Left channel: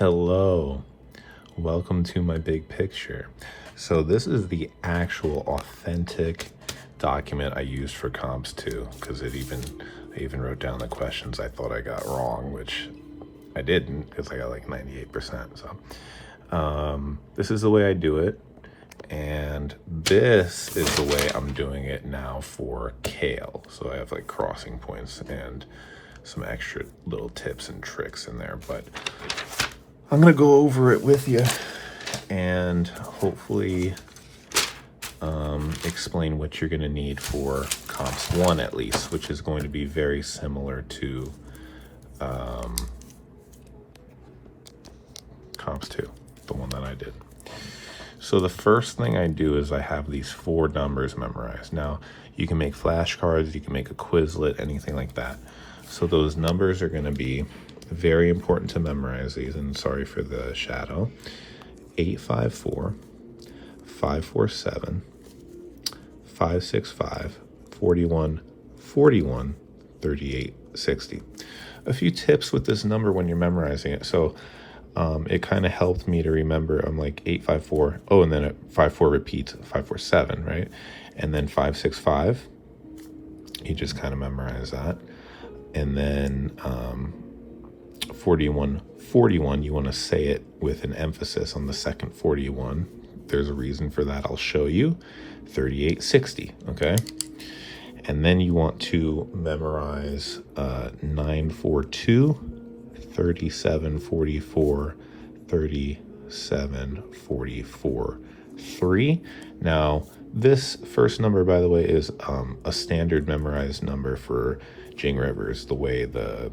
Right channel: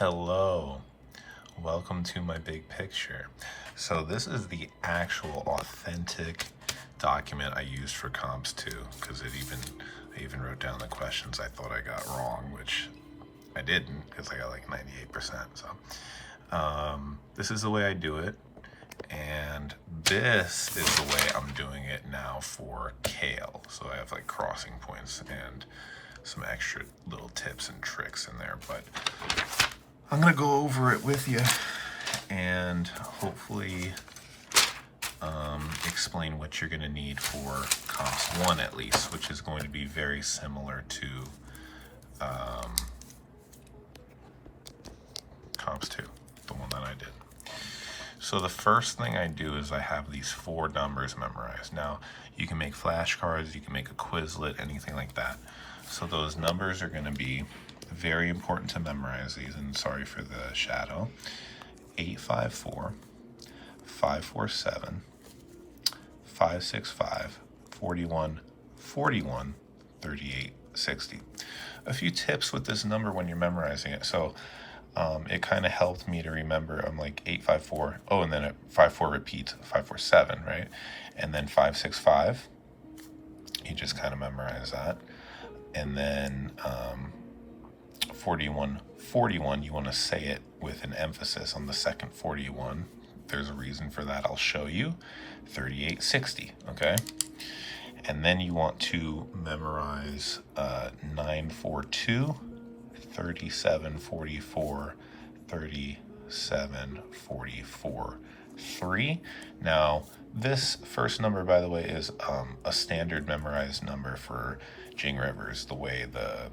Hello, welcome to my big picture. So this is the actual authentic document I used for comps too, because I even wrote down the questions I thought I got wrong, which I didn't, because I got like 98%. So this is the way I do it, and this is the way I'm doing it now for CALE. So I have like crossing points and some extra little tips and tricks in there, but I'm gonna go over it with you and hopefully explain what you're gonna need for comps 1 at least, which is going to be very similar to comps 2, the one that I did. So the first thing I do is I have these 4 numbers memorized. Now, you can make flashcards, you can make a Quizlet, anything like that. So those numbers are gonna be very important to memorize these, and sorry for the shadow. 854, 547, 565, 41, 41, 38, 60. A few tips with this number when you're memorizing it. So it kind of helped me to remember. I'm like 854. Oh, and then 54 repeats. 547, right? And then 565. You just kind of memorize that. And then 41, 41, you want to say it with an emphasis on the second 41. There's a reason for that. I'll show you. 38, 60, okay? And then you want to memorize 942, 37, 44, 37, 44, 3. Now, this first number, by the way, is a standard memorized number for Jing Rivers, the way the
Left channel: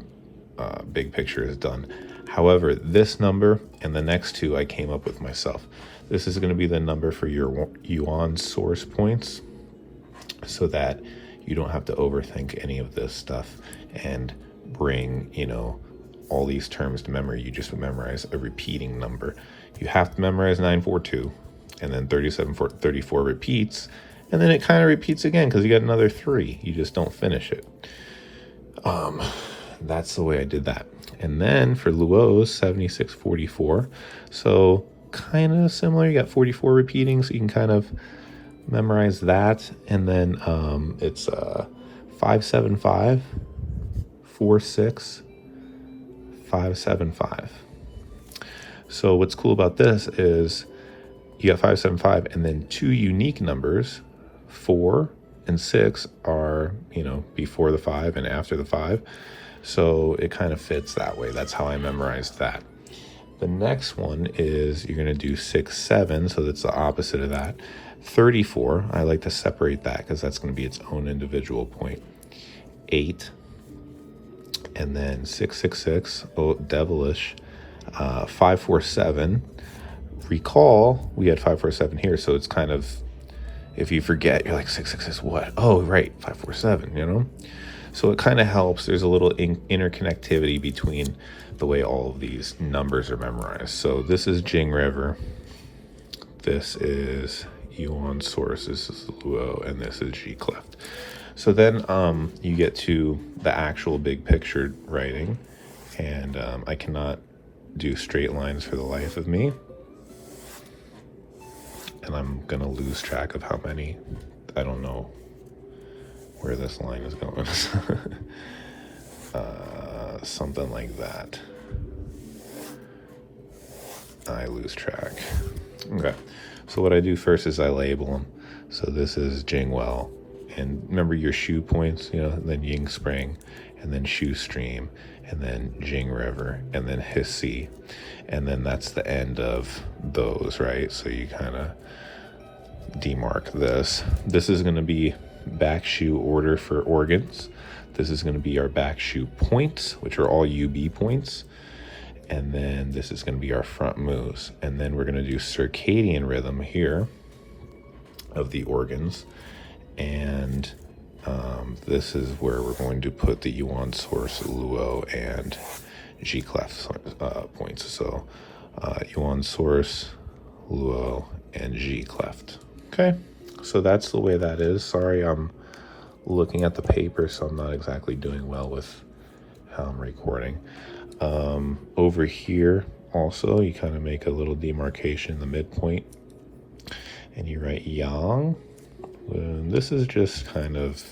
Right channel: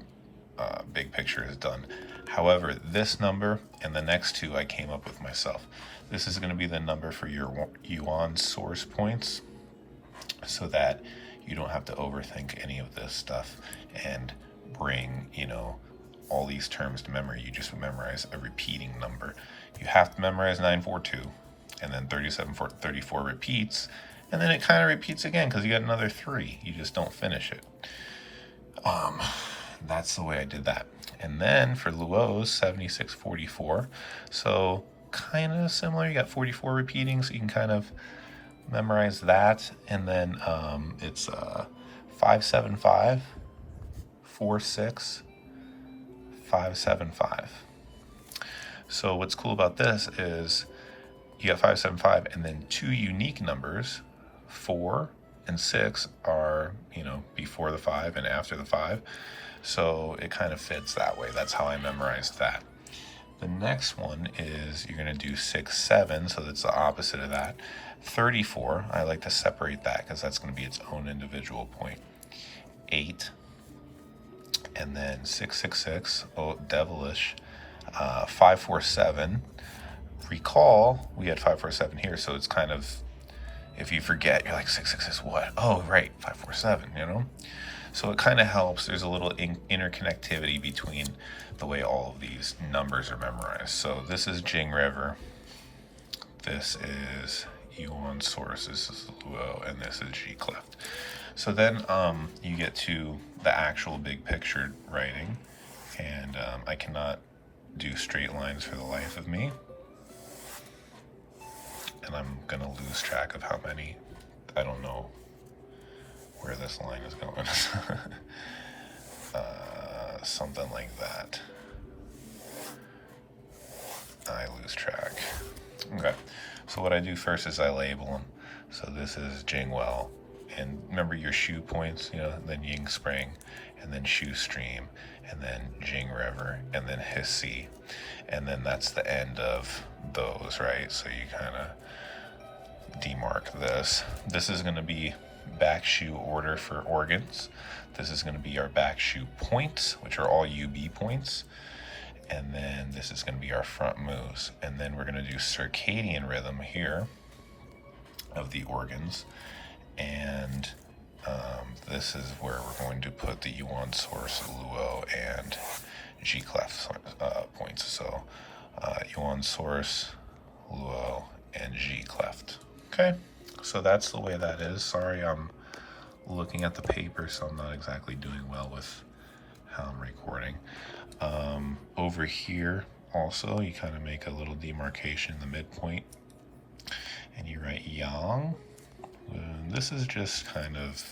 big picture is done. However, this number and the next 2 I came up with myself. This is going to be the number for your yuan source points, so that you don't have to overthink any of this stuff and bring, all these terms to memory. You just memorize a repeating number. You have to memorize 942, and then 37, 34 repeats, and then it kind of repeats again because you got another 3. You just don't finish it. That's the way I did that. And then for Luo's 7644, so kind of similar. You got 44 repeating, so you can kind of memorize that. And then it's 575, 46, 575. So what's cool about this is you got 575, and then 2 unique numbers, 4 and 6 are, before the 5 and after the 5. So it kind of fits that way. That's how I memorized that. The next one is you're going to do 6, 7. So that's the opposite of that. 34, I like to separate that because that's going to be its own individual point. 8, and then 666, oh, devilish. 547. Recall, we had 547 here, so it's kind of, if you forget, you're like, 666 what? Oh, right, 547, So it kind of helps. There's a little interconnectivity between the way all of these numbers are memorized. So this is Jing River. This is Yuan Source. This is Luo, and this is G Cleft. So then you get to the actual big picture writing, and I cannot do straight lines for the life of me. And I'm gonna lose track of how many. I don't know where this line is going. Something like that. I lose track. Okay, so what I do first is I label them. So this is Jingwell, and remember your shoe points, and then Ying Spring, and then Shoe Stream, and then Jing River, and then Hissy, and then that's the end of those, right? So you kind of demark this. This is going to be back shoe order for organs. This is going to be our back shoe points, which are all UB points. And then this is going to be our front moves. And then we're going to do circadian rhythm here of the organs. And this is where we're going to put the Yuan Source, Luo, and G Clef points. So Yuan Source, Luo, and G Cleft. Okay, so that's the way that is. Sorry, I'm looking at the paper, so I'm not exactly doing well with how I'm recording. Over here also, you kind of make a little demarcation in the midpoint, and you write yang. And this is just kind of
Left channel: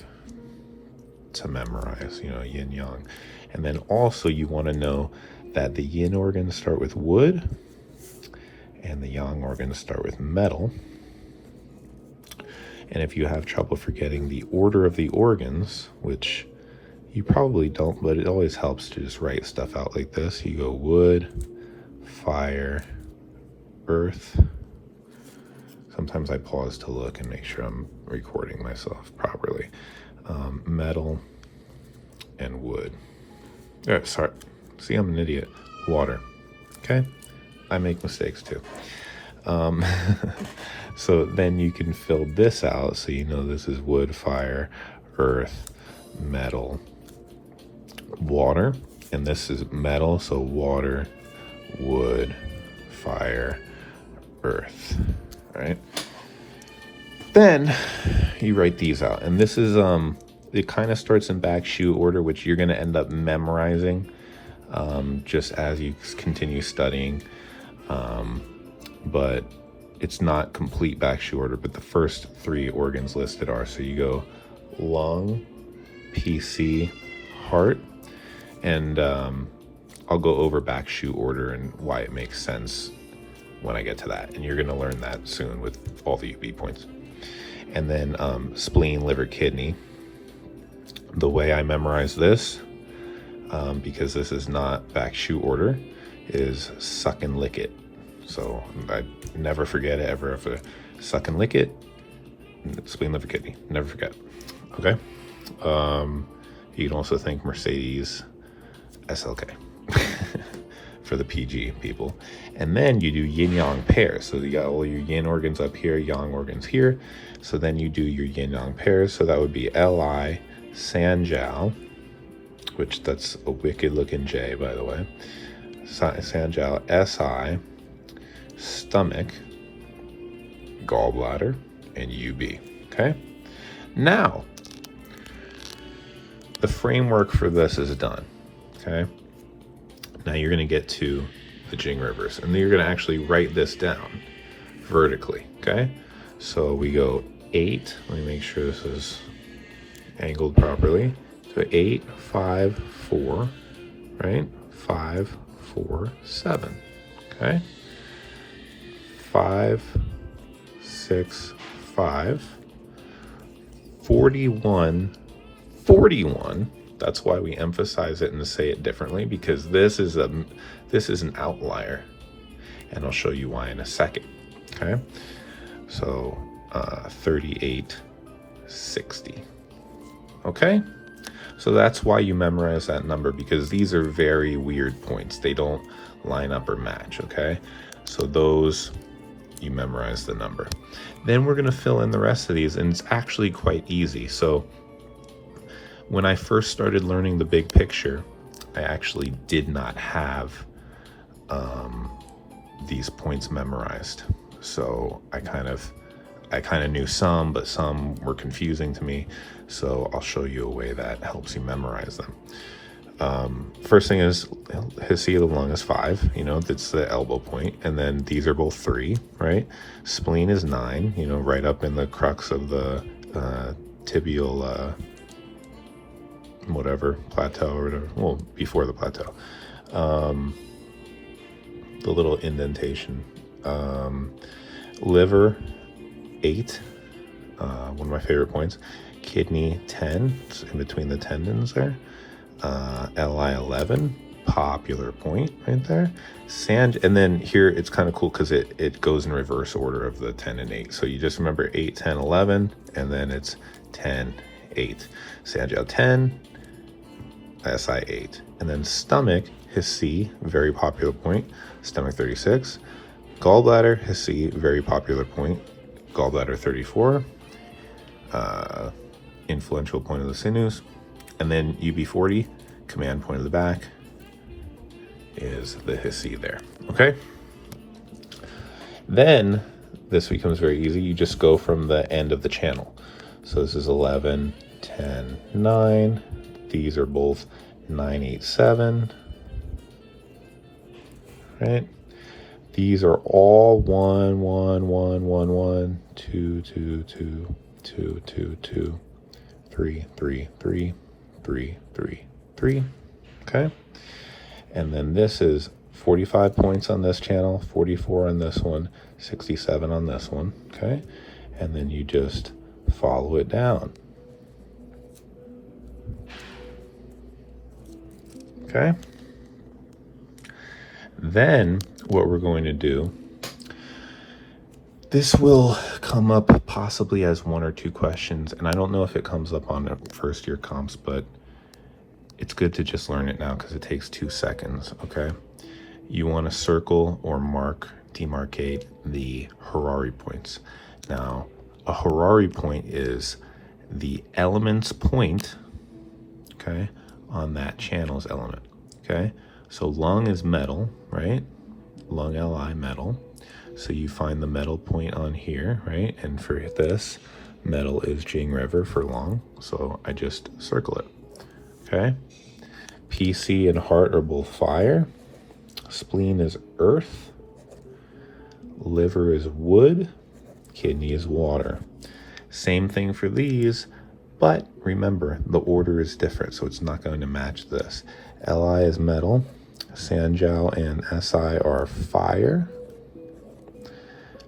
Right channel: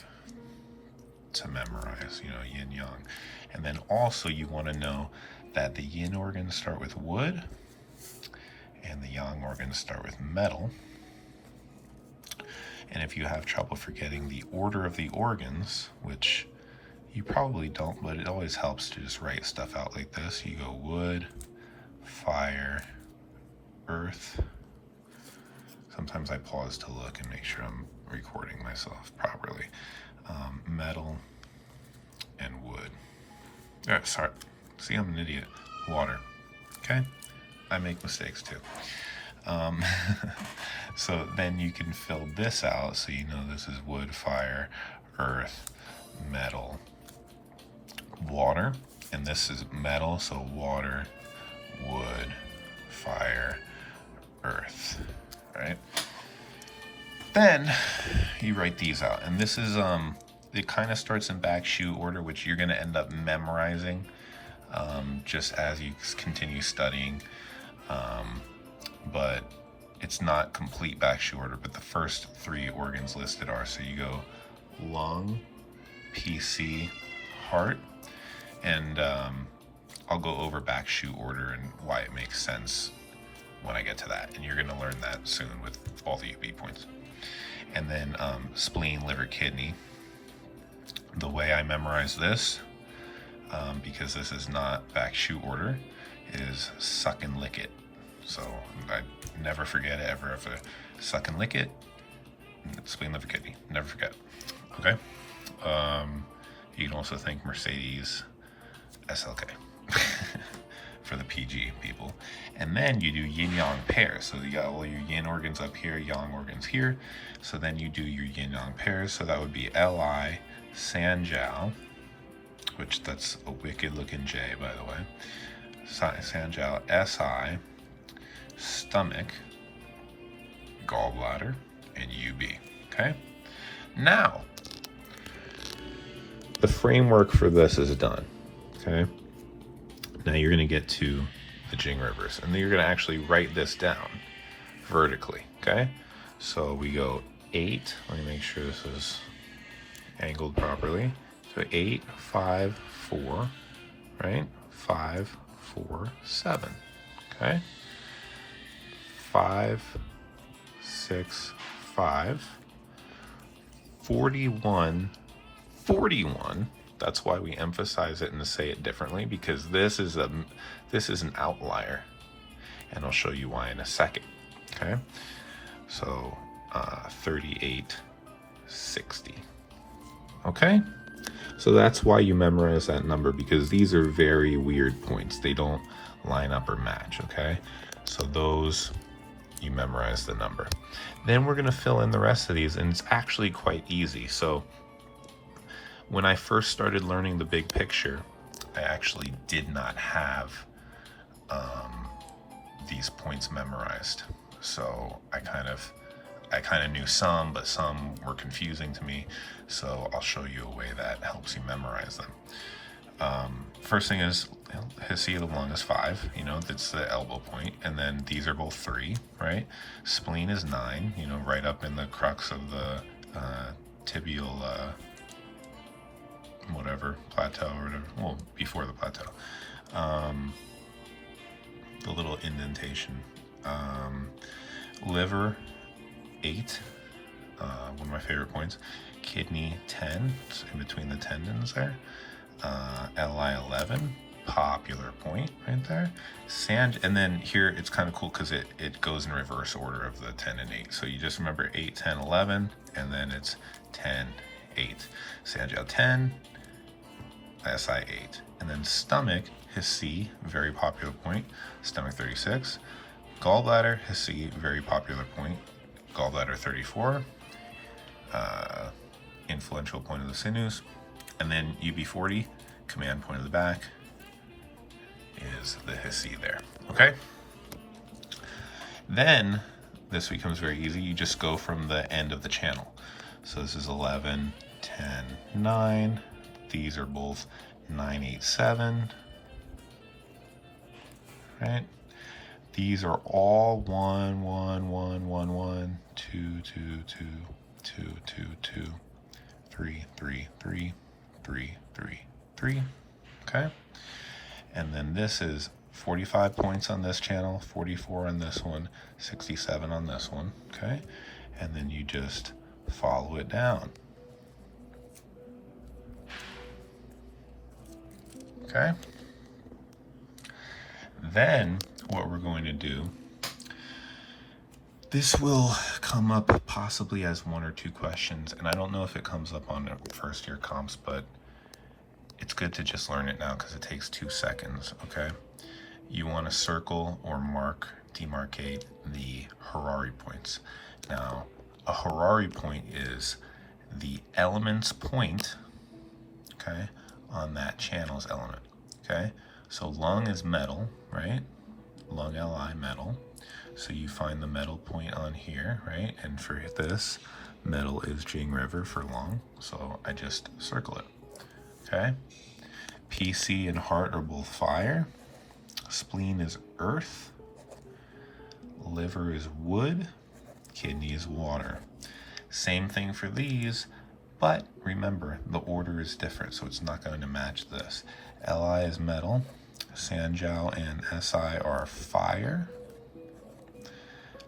to memorize, you know, yin yang. And then also you want to know that the yin organs start with wood and the yang organs start with metal. And if you have trouble forgetting the order of the organs, which you probably don't, but it always helps to just write stuff out like this. You go wood, fire, earth. Sometimes I pause to look and make sure I'm recording myself properly. Metal and wood. Sorry, see, I'm an idiot. Water. Okay, I make mistakes too. So then you can fill this out, so you know this is wood, fire, earth, metal, water, and this is metal, so water, wood, fire, earth. Right? Then you write these out, and this is it kind of starts in back shoe order, which you're going to end up memorizing just as you continue studying, but it's not complete back shoe order. But the first three organs listed are, so you go lung, PC, heart, and I'll go over back shoe order and why it makes sense when I get to that, and you're going to learn that soon with all the UB points. And then spleen, liver, kidney. The way I memorize this, because this is not back shoe order, is suck and lick it. So I never forget it ever. If suck and lick it, spleen, liver, kidney, never forget. Okay. You can also think Mercedes SLK for the PG people. And then you do yin yang pairs. So you got all your yin organs up here, yang organs here. So then you do your yin yang pairs. So that would be Li, Sanjiao, which that's a wicked looking J, by the way. Sanjiao, Si, stomach, gallbladder, and UB. Okay. Now, the framework for this is done. Okay. Now you're going to get to the Jing rivers, and then you're going to actually write this down vertically. Okay. So we go 8. Let me make sure this is angled properly. So 8, 5, 4, right? 5, 4, 7. Okay. 5, 6, 5, 41, 41. That's why we emphasize it and say it differently, because this is an outlier, and I'll show you why in a second. Okay, so 38, 60. Okay, so that's why you memorize that number, because these are very weird points. They don't line up or match. Okay, so those, you memorize the number. Then we're going to fill in the rest of these, and it's actually quite easy. So when I first started learning the big picture, I actually did not have these points memorized. So I kind of knew some, but some were confusing to me. So I'll show you a way that helps you memorize them. First thing is, his sea of the lung is 5, you know, that's the elbow point. And then these are both 3, right? Spleen is 9, you know, right up in the crux of the tibial, whatever, plateau or whatever. Well, before the plateau. The little indentation. Liver, 8, one of my favorite points. Kidney, 10, it's in between the tendons there. Li, 11, popular point right there. And then here it's kind of cool because it goes in reverse order of the 10 and 8. So you just remember 8, 10, 11, and then it's 10, 8. Sanjiao 10, Si 8. And then stomach, his C, very popular point, stomach 36. Gallbladder, his C, very popular point, gallbladder 34. Influential point of the sinews. And then UB40, command point of the back, is the Hissi there. Okay? Then this becomes very easy. You just go from the end of the channel. So this is 11, 10, 9. These are both 9, 8, 7. right? These are all 1, 1, 1, 1, 1, 2, 2, 2, 2, 2, 2, 3, 3, 3, 3, 3, 3, okay? And then this is 45 points on this channel, 44 on this one, 67 on this one, okay? And then you just follow it down. Okay? Then what we're going to do, this will come up possibly as 1 or 2 questions, and I don't know if it comes up on the first year comps, but it's good to just learn it now because it takes 2 seconds, okay? You want to circle or demarcate the Harari points. Now, a Harari point is the element's point, okay, on that channel's element, okay? So lung is metal, right? Lung Li, metal. So you find the metal point on here, right? And for this, metal is Jing River for lung. So I just circle it, okay? PC and heart are both fire. Spleen is earth. Liver is wood. Kidney is water. Same thing for these, but remember, the order is different, so it's not going to match this. Li is metal. Sanjiao and Si are fire.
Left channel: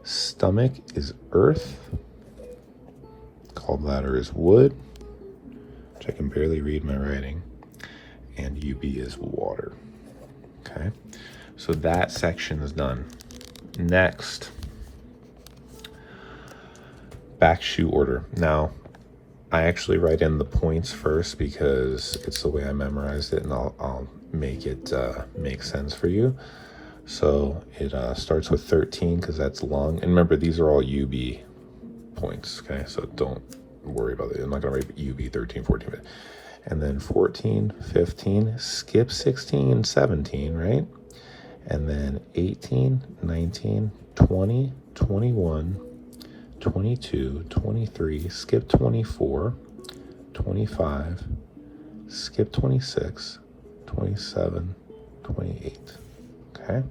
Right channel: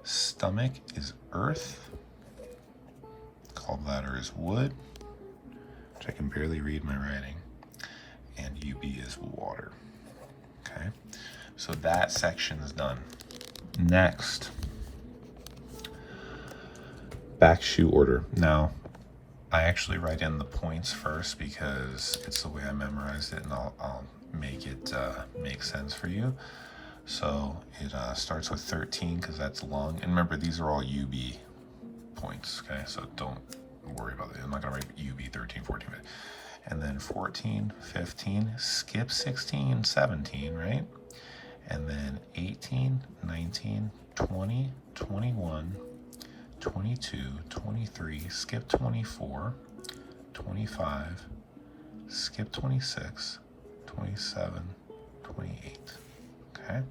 Stomach is earth. Gallbladder is wood, which I can barely read my writing. And UB is water. Okay, so that section is done. Next, back shoe order. Now, I actually write in the points first because it's the way I memorized it, and I'll make it make sense for you. So it starts with 13 because that's lung. And remember, these are all UB points, okay? So don't worry about it. I'm not going to write UB 13, 14. And then 14, 15, skip 16, 17, right? And then 18, 19, 20, 21, 22, 23, skip 24, 25, skip 26, 27, 28, okay?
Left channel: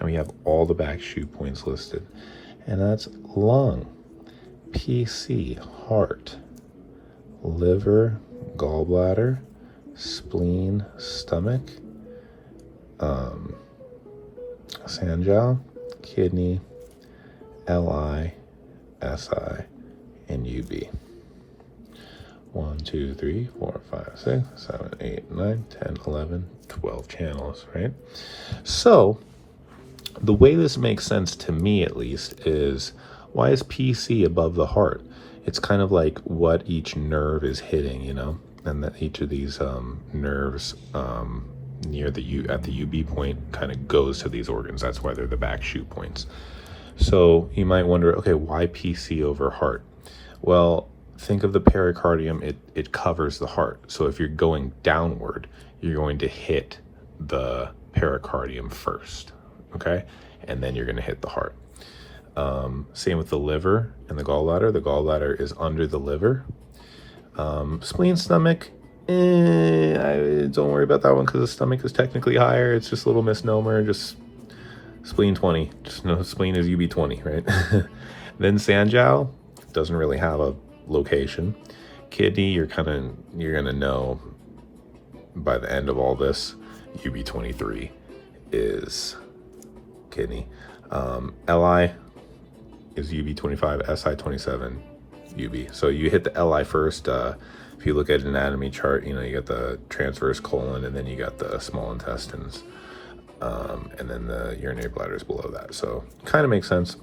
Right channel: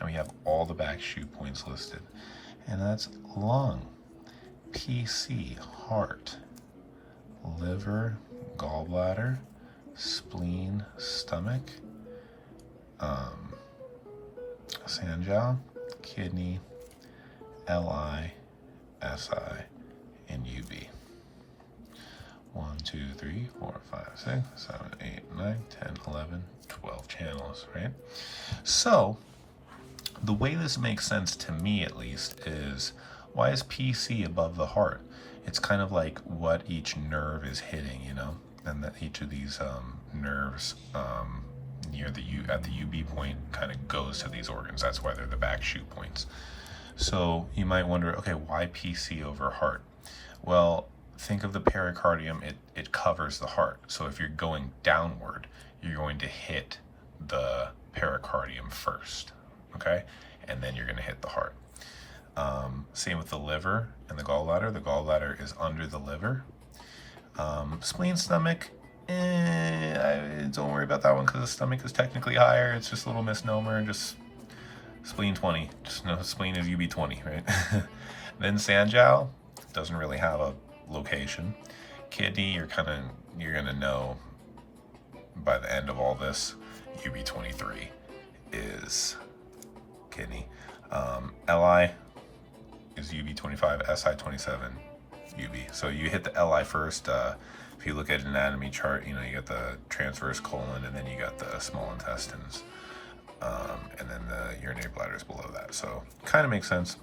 Now we have all the back shoe points listed, and that's lung, PC, heart, liver, gallbladder, spleen, stomach, Sanjiao, kidney, Li, Si, and UB. 1, 2, 3, 4, 5, 6, 7, 8, 9, 10, 11, 12 channels, right? So the way this makes sense to me, at least, is why is PC above the heart? It's kind of like what each nerve is hitting, you know, and that each of these nerves near the at the UB point kind of goes to these organs. That's why they're the back shoe points. So you might wonder, okay, why PC over heart? Well, think of the pericardium, it covers the heart. So if you're going downward, you're going to hit the pericardium first, okay? And then you're going to hit the heart. Same with the liver and the gallbladder. The gallbladder is under the liver. Spleen, stomach, don't worry about that one because the stomach is technically higher. It's just a little misnomer. Just spleen 20. Just know spleen is UB 20, right? Then Sanjiao doesn't really have a location. Kidney, you're gonna know by the end of all this, UB 23 is kidney. Li is UB 25, Si 27, UB. So you hit the Li first. If you look at an anatomy chart, you know, you got the transverse colon, and then you got the small intestines, and then the urinary bladder is below that. So kind of makes sense.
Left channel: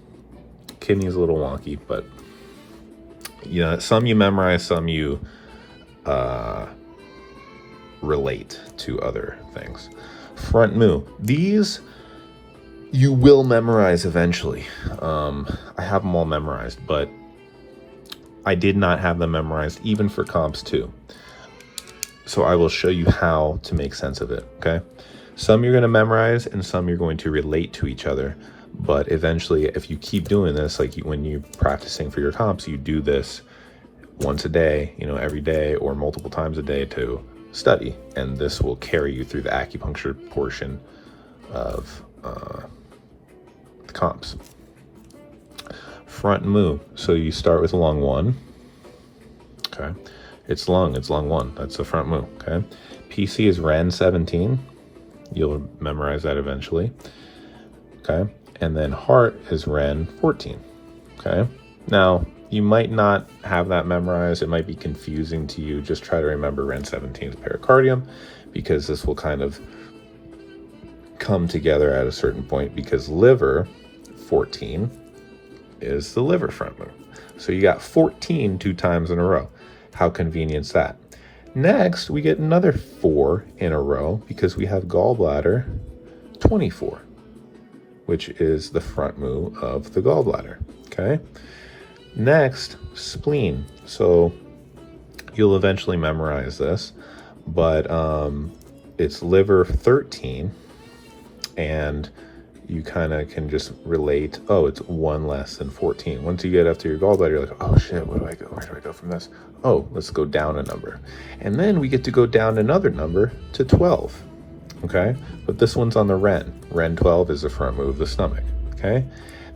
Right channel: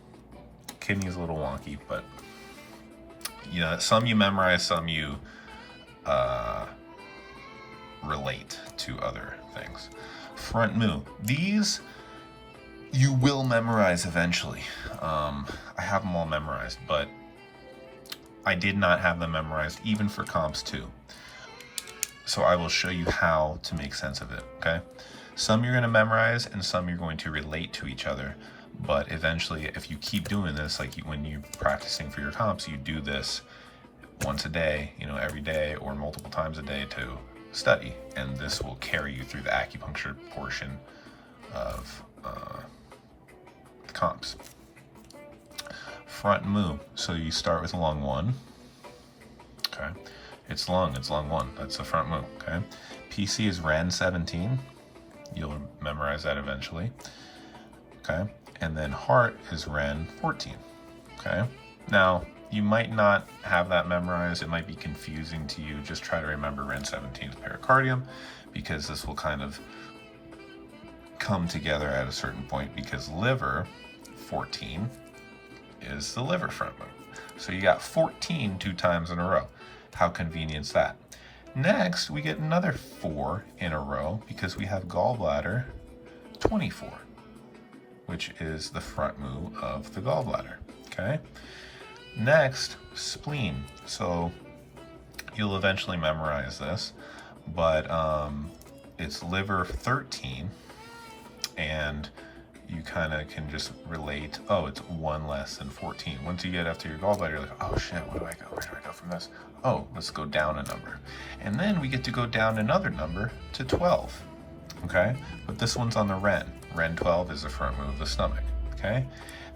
Kidney is a little wonky, but you know, some you memorize, some you relate to other things. Front mu. These you will memorize eventually. I have them all memorized, but I did not have them memorized even for comps too. So I will show you how to make sense of it, okay? Some you're gonna memorize and some you're going to relate to each other. But eventually, if you keep doing this, like when you're practicing for your comps, you do this once a day, you know, every day or multiple times a day to study. And this will carry you through the acupuncture portion of comps. Front mu. So you start with lung 1. Okay. It's lung 1. That's the front mu. Okay. PC is Ren 17. You'll memorize that eventually. Okay. And then heart is Ren 14. Okay. Now, you might not have that memorized. It might be confusing to you. Just try to remember Ren 17 is pericardium, because this will kind of come together at a certain point, because liver 14 is the liver front mu. So you got 14 2 times in a row. How convenient's that? Next, we get another 4 in a row because we have gallbladder 24, which is the front mu of the gallbladder. Okay. Next, spleen. So you'll eventually memorize this, but it's liver 13, and you kind of can just relate, oh, it's 1 less than 14. Once you get after your gallbladder, you're like, oh shit, where do I go? Where do I go from this? Oh, let's go down a number. And then we get to go down another number to 12. Okay, but this one's on the Ren. Ren 12 is the front mu of the stomach. Okay,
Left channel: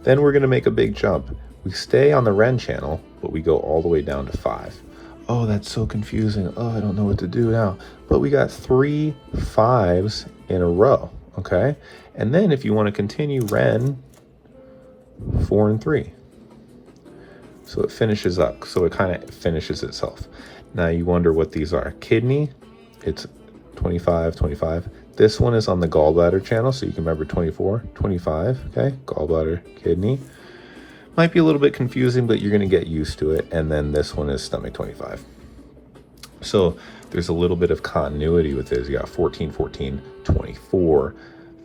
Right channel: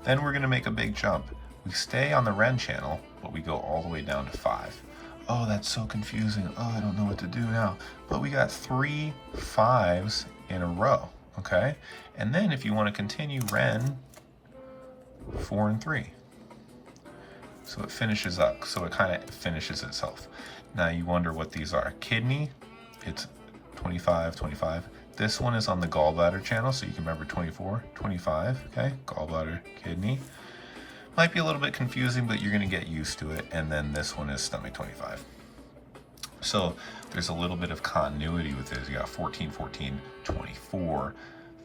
then we're gonna make a big jump. We stay on the Ren channel, but we go all the way down to 5. Oh, that's so confusing. Oh, I don't know what to do now. But we got 3 5s in a row. Okay, and then if you want to continue, Ren 4 and 3. So it finishes up. So it kind of finishes itself. Now you wonder what these are. Kidney, it's 25, 25. This one is on the gallbladder channel, so you can remember 24, 25. Okay, gallbladder, kidney. Might be a little bit confusing, but you're going to get used to it. And then this one is stomach 25. So there's a little bit of continuity with this. You got 14, 14, 24,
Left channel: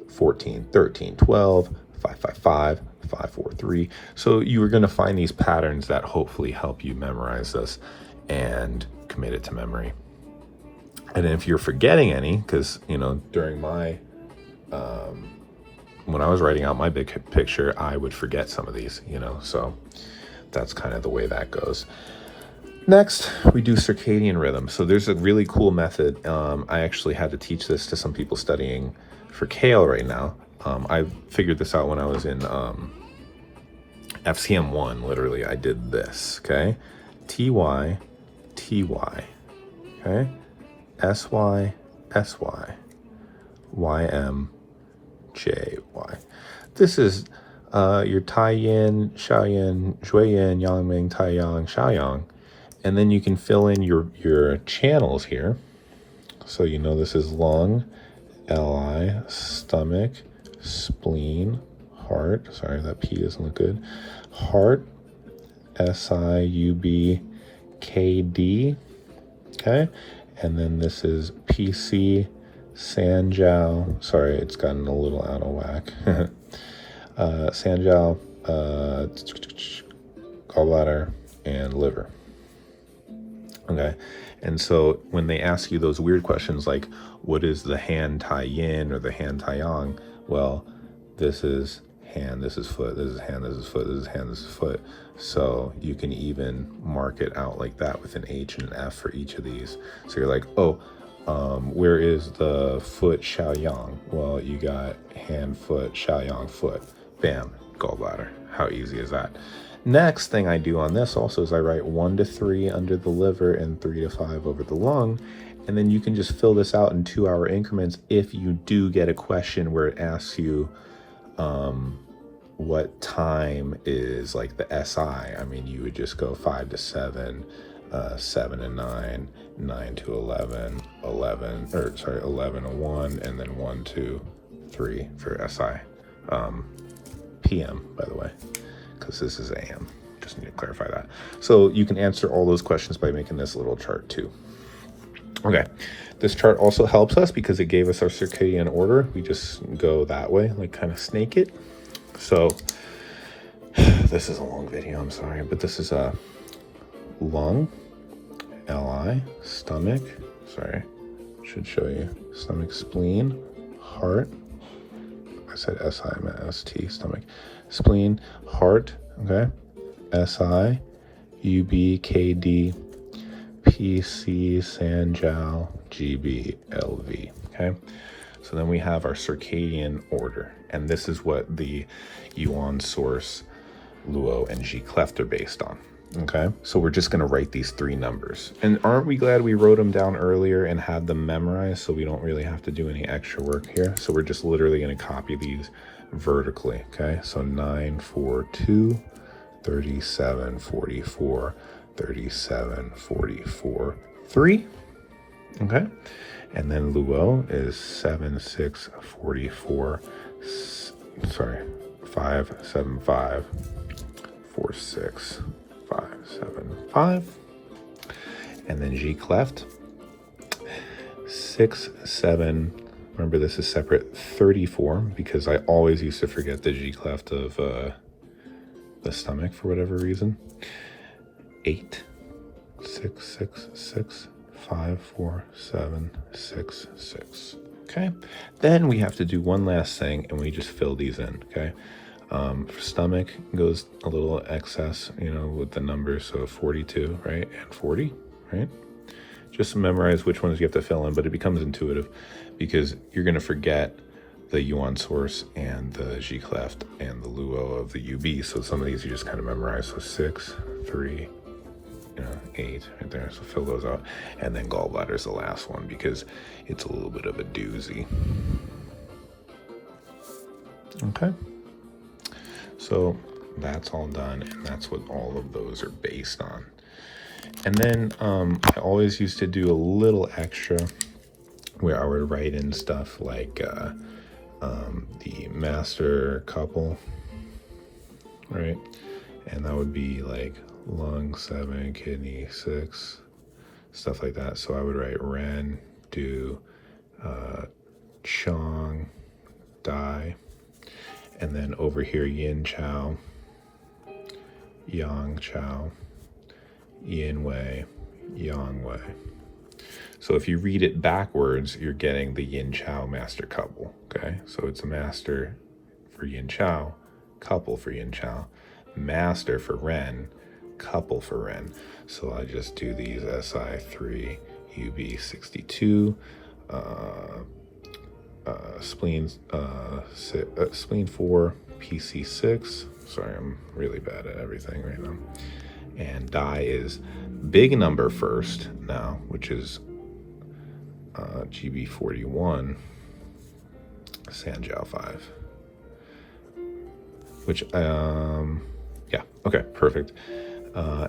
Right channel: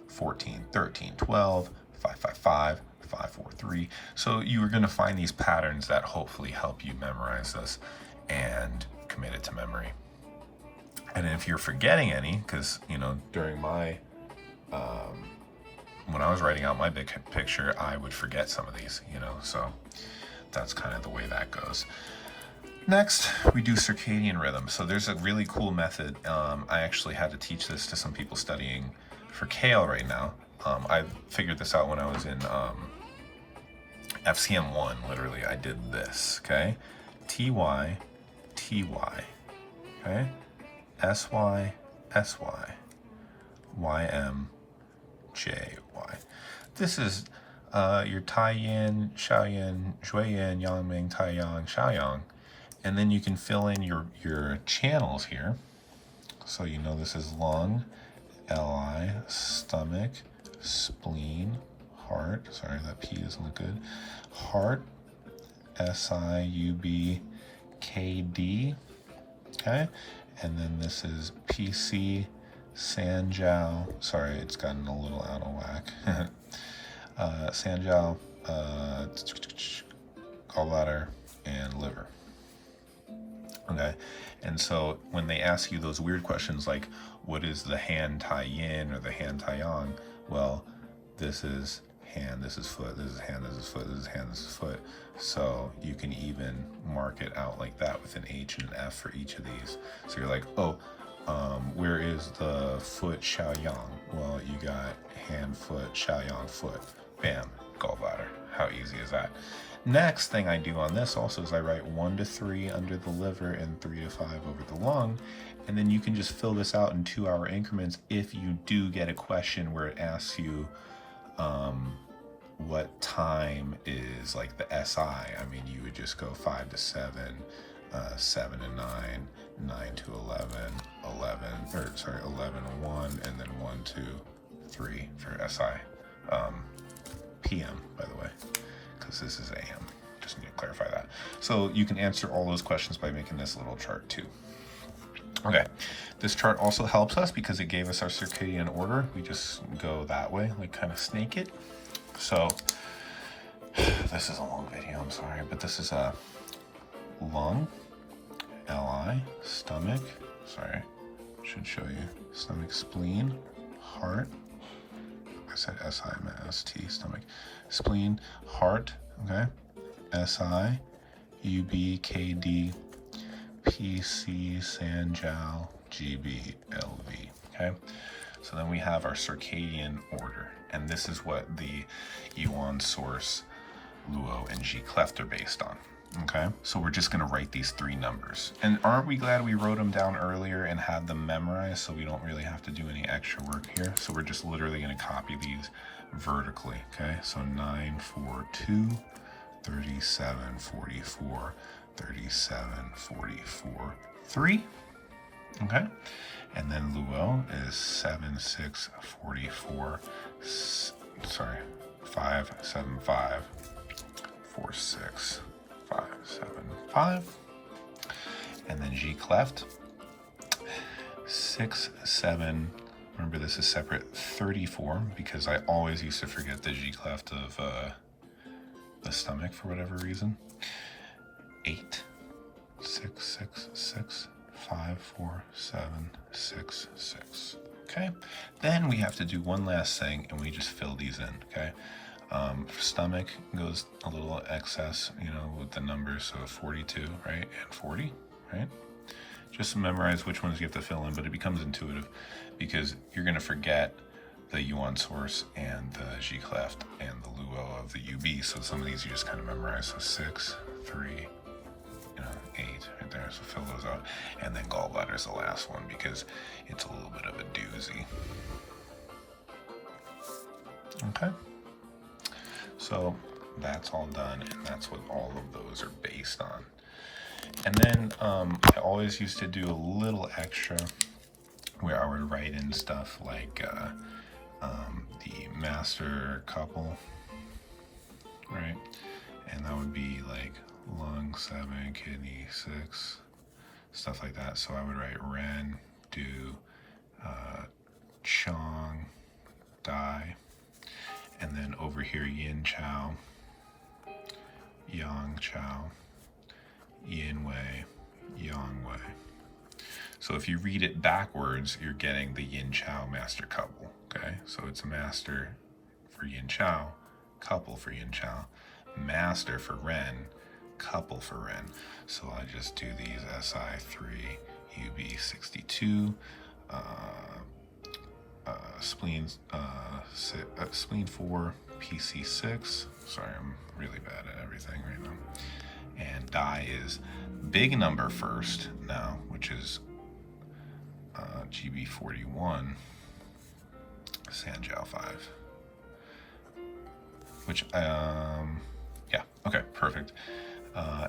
14, 13, 12, 5, 5, 5, 5, 4, 3. So you are going to find these patterns that hopefully help you memorize this and commit it to memory. And if you're forgetting any, because, you know, during my, when I was writing out my big picture, I would forget some of these, you know, so that's kind of the way that goes. Next, we do circadian rhythm. So there's a really cool method. I actually had to teach this to some people studying for CALE right now. I figured this out when I was in FCM 1, literally. I did this, okay? TY, TY, okay? SY, SY, YM, JY. This is your Tai Yin, Sha Yin, Shui Yin, Yang Ming, Tai Yang, Sha Yang. And then you can fill in your channels here. So you know this is lung, LI, stomach, spleen, heart. Sorry, that P doesn't look good. Heart, SI, UB, KD. Okay. And then this is PC, Sanjiao. Sorry, it's gotten a little out of whack. Sanjiao, gallbladder, and liver. Okay, and so when they ask you those weird questions like, what is the hand Tai Yin or the hand Tai Yang? Well, this is hand, this is foot, this is hand, this is foot, this is hand, this is foot. So you can even mark it out like that with an H and an F for each of these. So you're like, oh, where is the foot Xiao Yang? Well, you got hand, foot, Xiao Yang, foot. Bam, gallbladder. How easy is that? Next thing I do on this also is I write 1 to 3 under the liver and 3 to 5 over the lung. And then you can just fill this out in 2-hour increments if you do get a question where it asks you what time is like the SI. I mean, you would just go 5 to 7, 7 to 9, 9 to 11, 11 to 1, and then 1 to 3 for SI. PM, by the way, because this is AM. Just need to clarify that. So you can answer all those questions by making this little chart too. Okay, this chart also helps us because it gave us our circadian order. We just go that way, like kind of snake it. So this is a long video, I'm sorry, but this is a lung, LI, stomach, sorry, should show you, stomach, spleen, heart, I said SI, I meant ST, stomach, spleen, heart, okay, SI, UB, KD, PC, Sanjiao, GB, LV, okay? So then we have our circadian order, and this is what the Yuan source, Luo, and Ji cleft are based on. Okay, so we're just going to write these 3 numbers. And aren't we glad we wrote them down earlier and had them memorized, so we don't really have to do any extra work here? So we're just literally going to copy these vertically. Okay, so 9, 4, 2, 37, 44, 37, 44, 3. Okay, and then Luo is 7, 6, 44, 5, 7, 5, 4, 6, 5, 7, 5. And then Ji cleft 6, 7. Remember, this is separate, 34, because I always used to forget the Ji cleft of the stomach for whatever reason. 8, 6, 6, 6, 5, 4, 7, 6, 6. Okay, then we have to do one last thing, and we just fill these in. Okay, for stomach goes a little excess, you know, with the numbers, so 42, right, and 40, right? Just memorize which ones you have to fill in, but it becomes intuitive because you're going to forget the Yuan source and the Ji cleft and the Luo of the UB. So some of these you just kind of memorize. So 6, 3, 8 right there. So fill those out. And then gallbladder is the last one because it's a little bit of a doozy. Okay. So that's all done, and that's what all of those are based on. And then I always used to do a little extra where I would write in stuff like the master couple, right? And that would be like lung 7, kidney 6, stuff like that. So I would write Ren, Du, Chong, Dai, and then over here Yin Chao, Yang Chao, Yin Wei, Yang Wei. So if you read it backwards, you're getting the Yin Chao master couple. Okay, so it's a master for Yin Chao, couple for Yin Chao, master for Ren, couple for Ren. So I just do these SI3, UB62, spleen 4, PC6. Sorry, I'm really bad at everything right now. And Dai is big number first now, which is GB41, Sanjiao 5. Which, yeah, okay, perfect.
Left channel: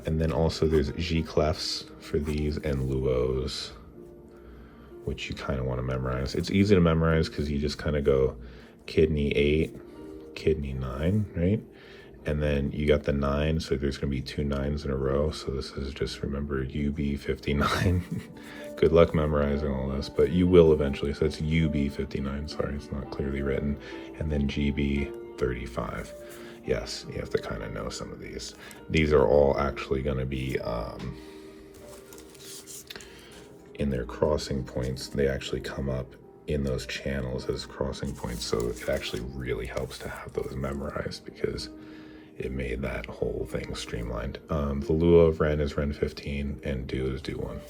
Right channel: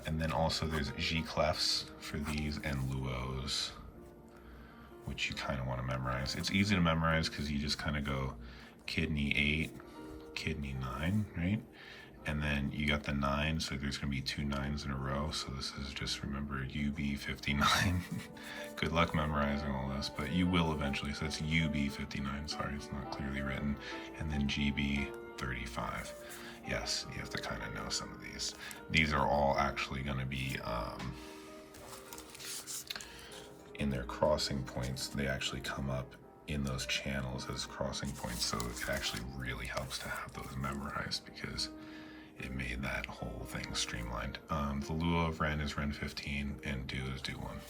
And then also there's Ji clefts for these and Luos, which you kind of want to memorize. It's easy to memorize because you just kind of go kidney 8, kidney 9, right? And then you got the 9, so there's going to be 2 9s in a row. So this is just, remember, UB59. Good luck memorizing all this, but you will eventually. So it's UB59, sorry, it's not clearly written. And then GB35. Yes, you have to kind of know some of these. These are all actually going to be in their crossing points. They actually come up in those channels as crossing points. So it actually really helps to have those memorized because it made that whole thing streamlined. The Luo of Ren is Ren 15 and Du is Du 1.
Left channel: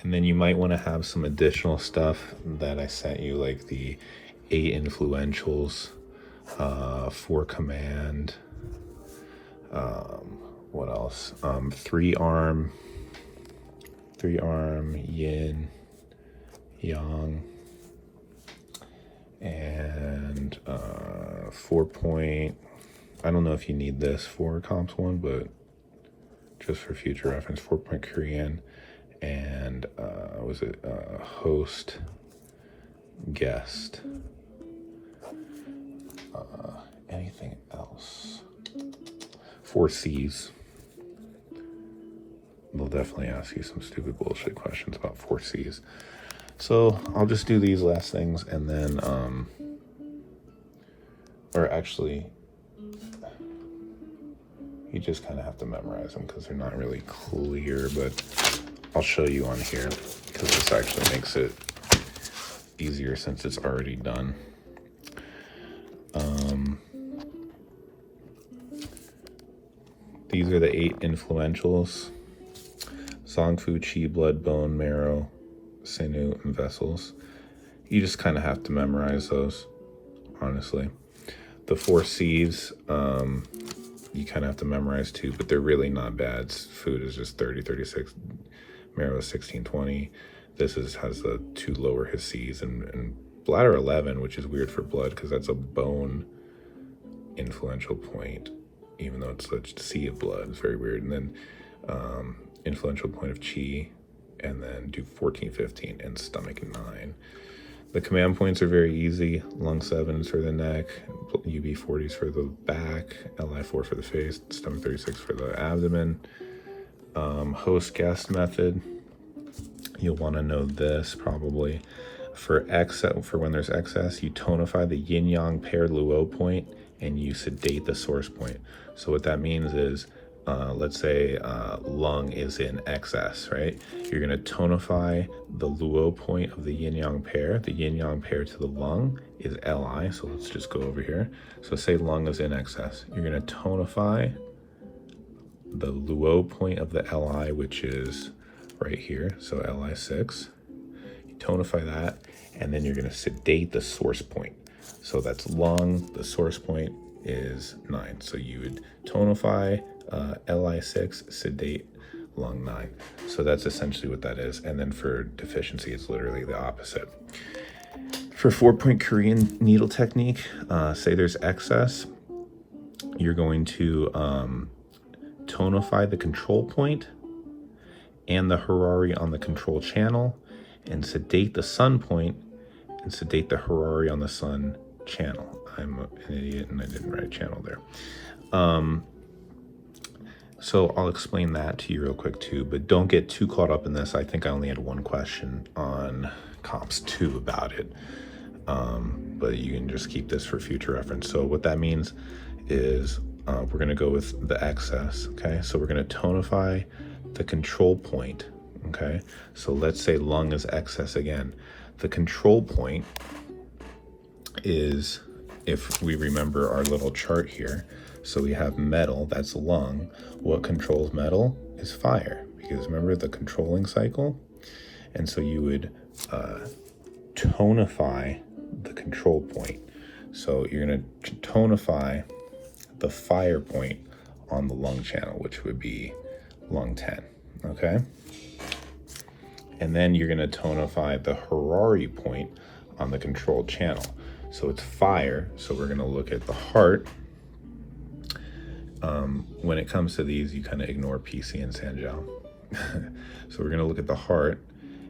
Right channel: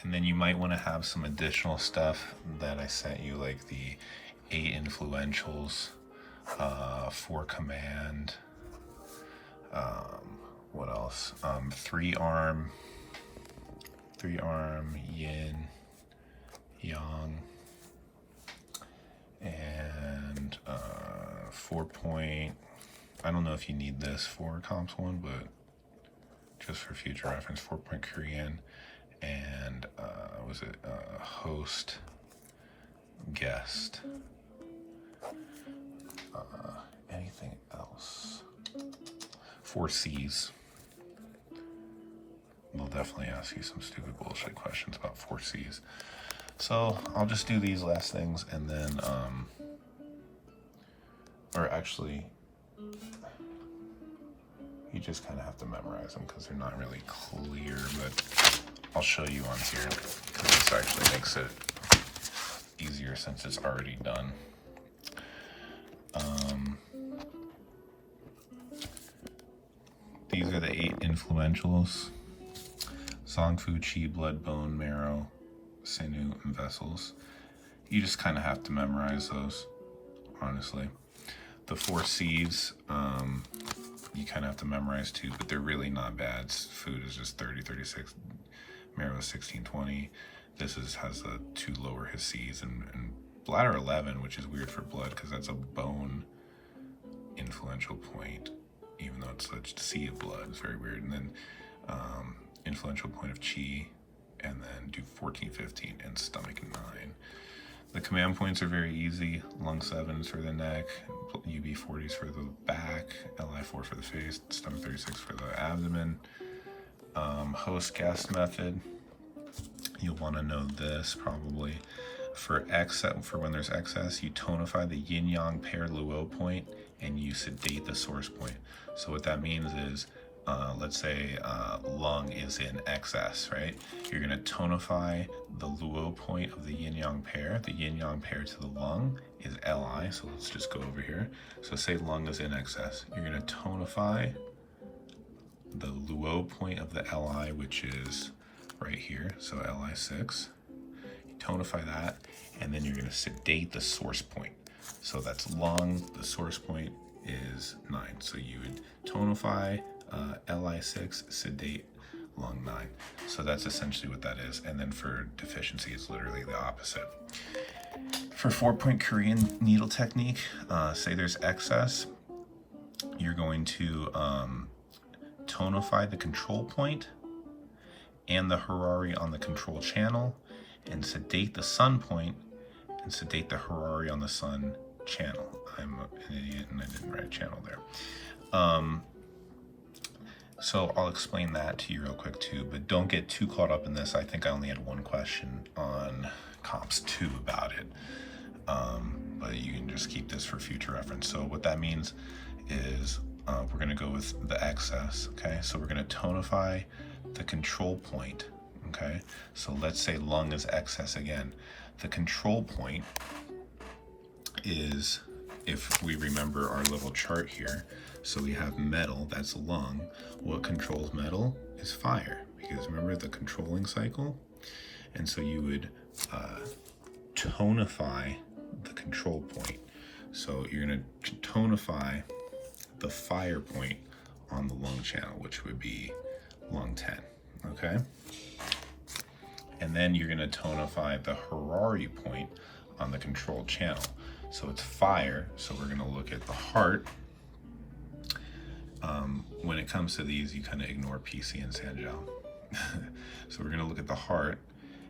And then you might want to have some additional stuff that I sent you, like the 8 influentials, 4 command, what else? 3 arm yin, yang, and 4 point. I don't know if you need this for comps 1, but just for future reference, 4 point Korean, and was it host, guest, anything else? 4 C's. They'll definitely ask you some stupid bullshit questions about 4 C's. So I'll just do these last things and then, or actually, you just kind of have to memorize them because they're not really clear, but I'll show you on here because this actually makes it easier since it's already done. These are the 8 influentials: Zangfu, Qi, blood, bone, marrow, sinew, and vessels. you just kind of have to memorize those, honestly. The 4 C's, you kind of have to memorize too, but they're really not bad. Food is just 30, 36. Marrow is 16, 20. This has the 2 lower his C's, and bladder 11, which is weird for blood because that's a bone influential point, even though it's the C of blood. It's very weird. And then influential point of chi, and then do 14, 15, and stomach 9. The command points are very easy. Lung 7 is for the neck, UB 40 is for the back, LI 4 for the face, stomach 36 for the abdomen. Host guest method, you'll want to know this probably. For when there's excess, you tonify the yin yang pair luo point and you sedate the source point. So what that means is, let's say lung is in excess, right? You're going to tonify the luo point of the yin yang pair. The yin yang pair to the lung is Li. So let's just go over here. So say lung is in excess. You're going to tonify the luo point of the Li, which is right here. So Li6. You tonify that, and then you're going to sedate the source point. So that's lung. The source point is 9. So you would tonify Li6, sedate lung 9. So that's essentially what that is. And then for deficiency, it's literally the opposite. For 4-point Korean needle technique, say there's excess, you're going to tonify the control point and the Harari on the control channel, and sedate the sun point and sedate the Harari on the sun channel. I'm an idiot and I didn't write channel there. So I'll explain that to you real quick too, but don't get too caught up in this. I think I only had one question on Comps 2 about it, but you can just keep this for future reference. So what that means is we're going to go with the excess, okay? So we're going to tonify the control point, okay? So let's say lung is excess again. The control point is, if we remember our little chart here, so we have metal, that's lung. What controls metal is fire, because remember the controlling cycle? And so you would tonify the control point. So you're going to tonify the fire point on the lung channel, which would be lung 10, okay? And then you're going to tonify the Harari point on the control channel. So it's fire, so we're going to look at the heart. When it comes to these, you kind of ignore PC and Sanjiao. So we're going to look at the heart,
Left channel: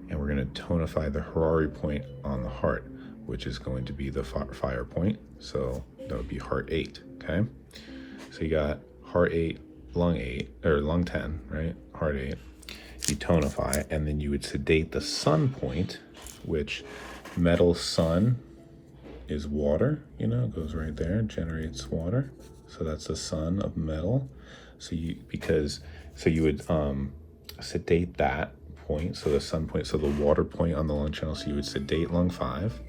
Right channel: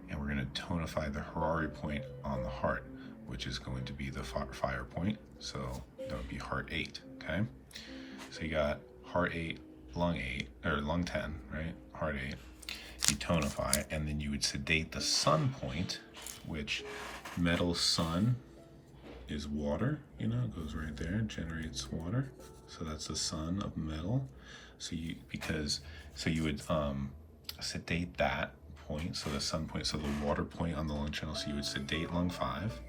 and we're going to tonify the Harari point on the heart, which is going to be the fire point. So that would be heart 8, okay? So you got heart 8, lung 8, or lung 10, right? Heart 8. You tonify, and then you would sedate the sun point, which metal sun is water, you know, it goes right there, generates water. So that's the sun of metal. So you would sedate that point, so the sun point, so the water point on the lung channel, so you would sedate lung 5,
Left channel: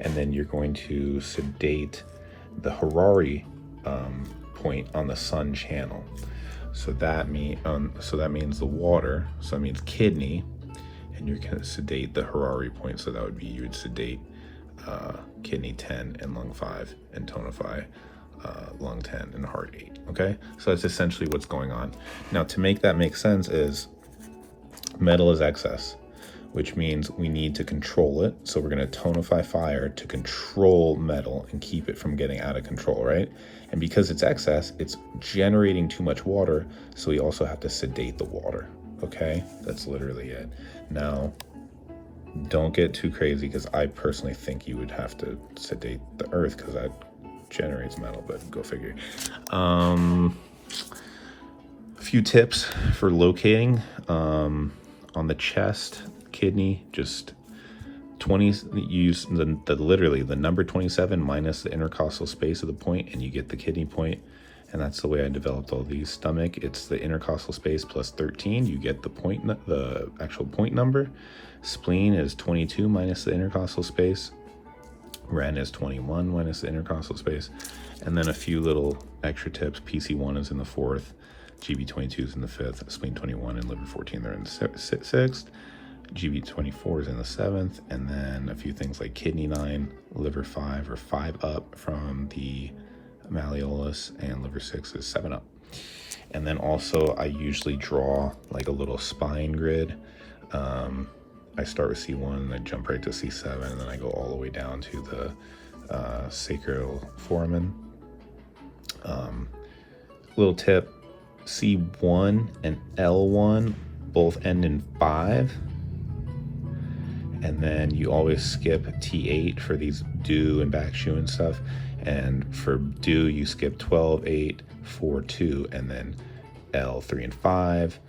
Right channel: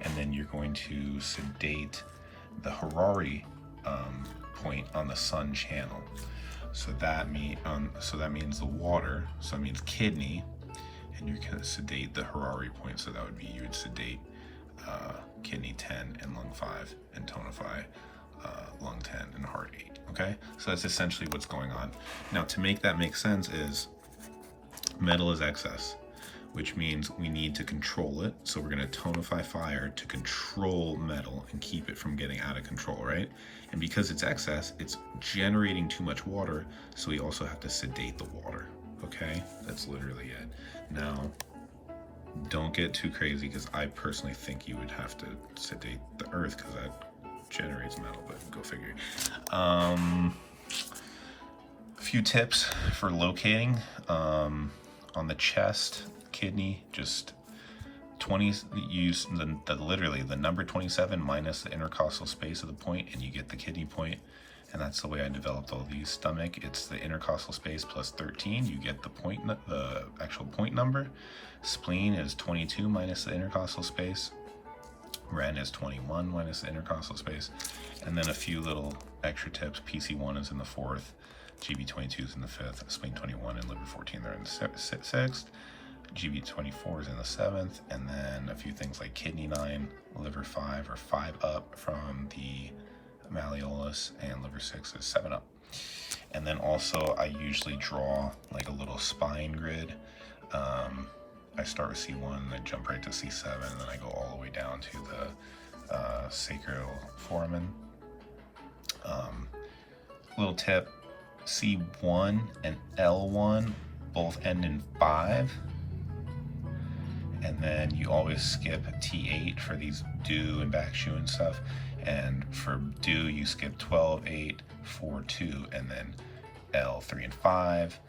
and then you're going to sedate the Harari point on the sun channel. So that means the water, so that means kidney, and you're going to sedate the Harari point, so that would be, you would sedate kidney 10 and lung 5, and tonify lung 10 and heart 8, okay? So that's essentially what's going on. Now, to make that make sense is metal is excess, which means we need to control it. So we're going to tonify fire to control metal and keep it from getting out of control, right? And because it's excess, it's generating too much water, so we also have to sedate the water, okay? That's literally it. Now, don't get too crazy, because I personally think you would have to sedate the earth, because that generates metal, but go figure. A few tips for locating on the chest, kidney, just 20, use literally the number 27 minus the intercostal space of the point, and you get the kidney point. And that's the way I developed all these. Stomach, it's the intercostal space plus 13, you get the point, the actual point number. Spleen is 22 minus the intercostal space. Ren is 21 minus the intercostal space. And then a few little extra tips. PC1 is in the 4th, GB22 is in the 5th, spleen 21 and liver 14 they're in the 6th. GB24 is in the 7th, and then a few things like kidney 9, liver 5 or 5 up from the malleolus, and liver 6 is 7 up. And then also I usually draw like a little spine grid. I start with C1 and then jump right to C7, and then I go all the way down to the sacral foramen. Little tip, C1 and L1 both end in 5. And then you always skip T8 for these do and back shoe and stuff. And for do, you skip 12, 8, 4, 2, and then L, 3, and 5,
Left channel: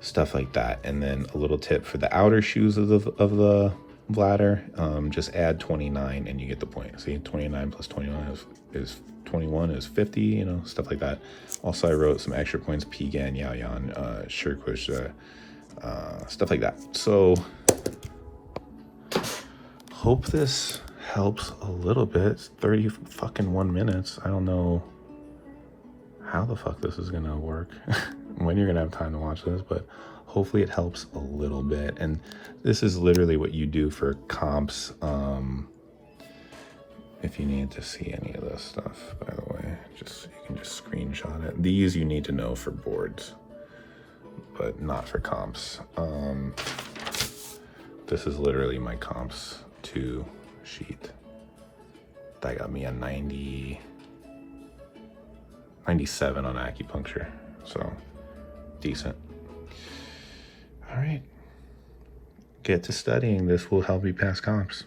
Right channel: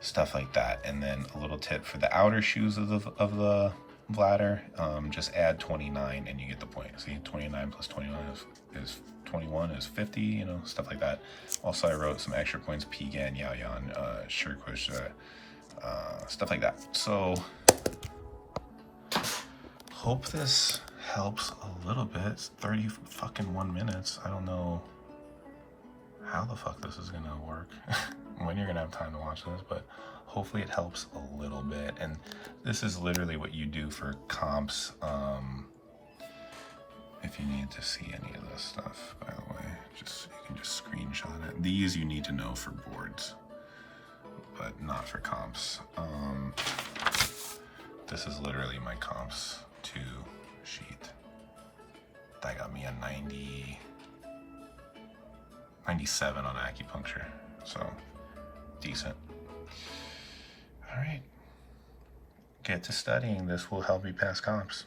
stuff like that. And then a little tip for the outer shoes of the bladder, just add 29 and you get the point. See, 29 plus 29 is 21 is 50, you know, stuff like that. Also, I wrote some extra points, Pigan, Yao Yan, Shirkush, stuff like that. So, hope this helps a little bit. It's 31 minutes. I don't know how the fuck this is gonna work, when you're gonna have time to watch this, but hopefully it helps a little bit. And this is literally what you do for comps. If you need to see any of this stuff, by the way, you can just screenshot it. These you need to know for boards, but not for comps. This is literally my comps 2 sheet. That got me a 97 on acupuncture, so decent. All right, get to studying. This will help you pass comps.